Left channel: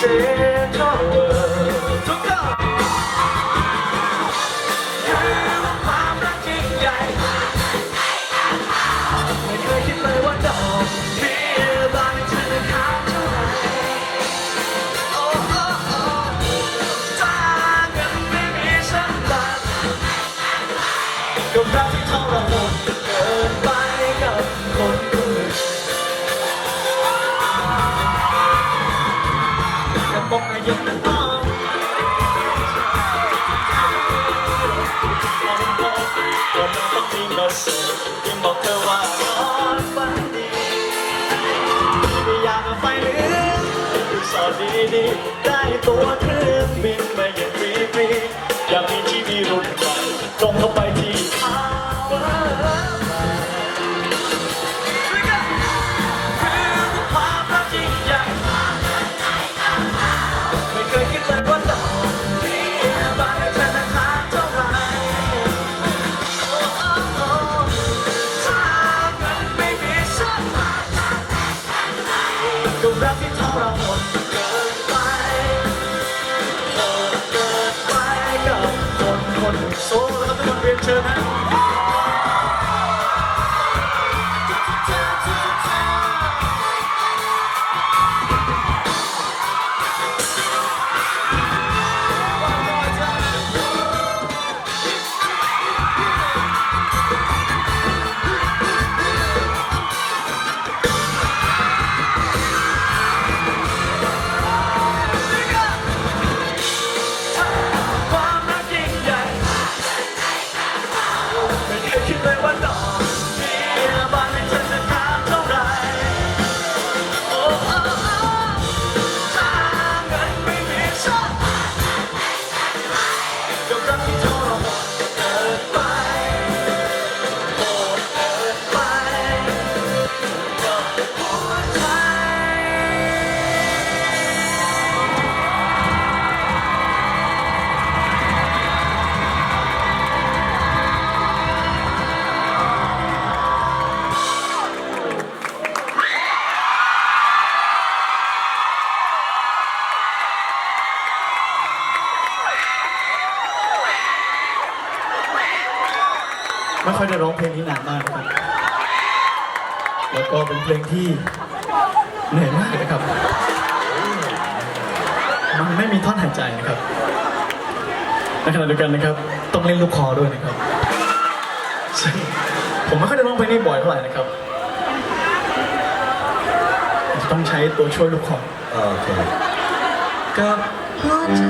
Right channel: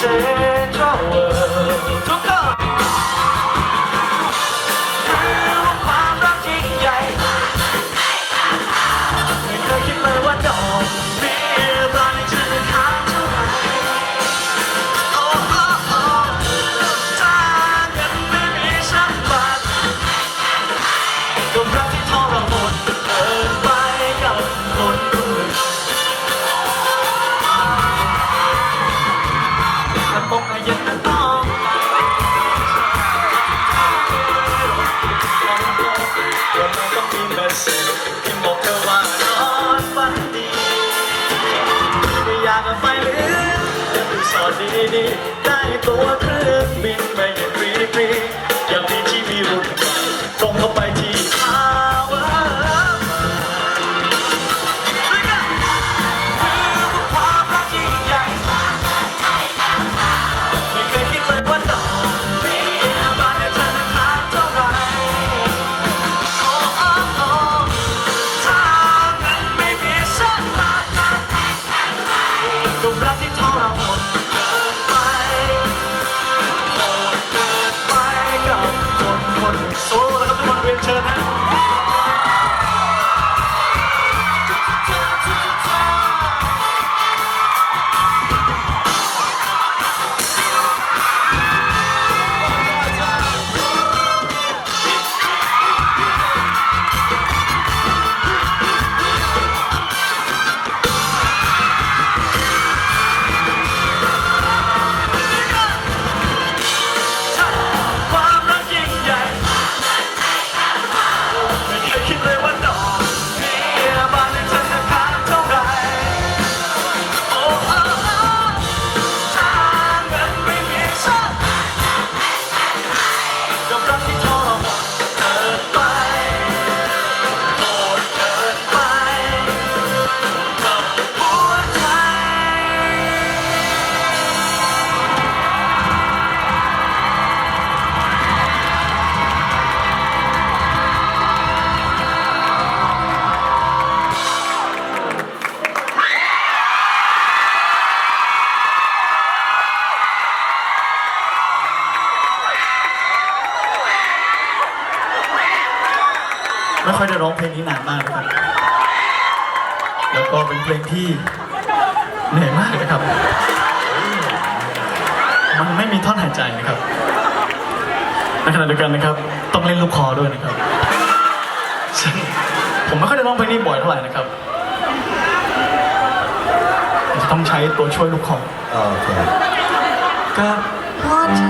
Central World ทุกคนคือความรักยิ่งใหญ่ไม่เคยคิดเลยว่าดอกเบี้ยบานจะค้างเท่าไหร่โอ้โอ้โอ้ถ้าเงินไม่มีสักบาทก็รัก ไม่อยากจะไปหรือรีสอดดีๆได้ตัวเครื่องบินไปอย่างฟรีๆ แล้ ไม่ค่อยได้ร้องเพลงนี้นานมากนะครับแล้วก็เป็นเพลงที่เหนื่อยมากนะครับ มันไม่มีท่อนหายใจนะครับในขณะเดียวกันนะครับ ต้องเล่นลูกคอด้วยนะครับซึ่งผมไม่ค่อยได้ร้องเพลงนี้บ่อยเท่าไหร่นะครับผมจะต้องใช้ตัวช่วยลูกคอโอเคกับหัวใจ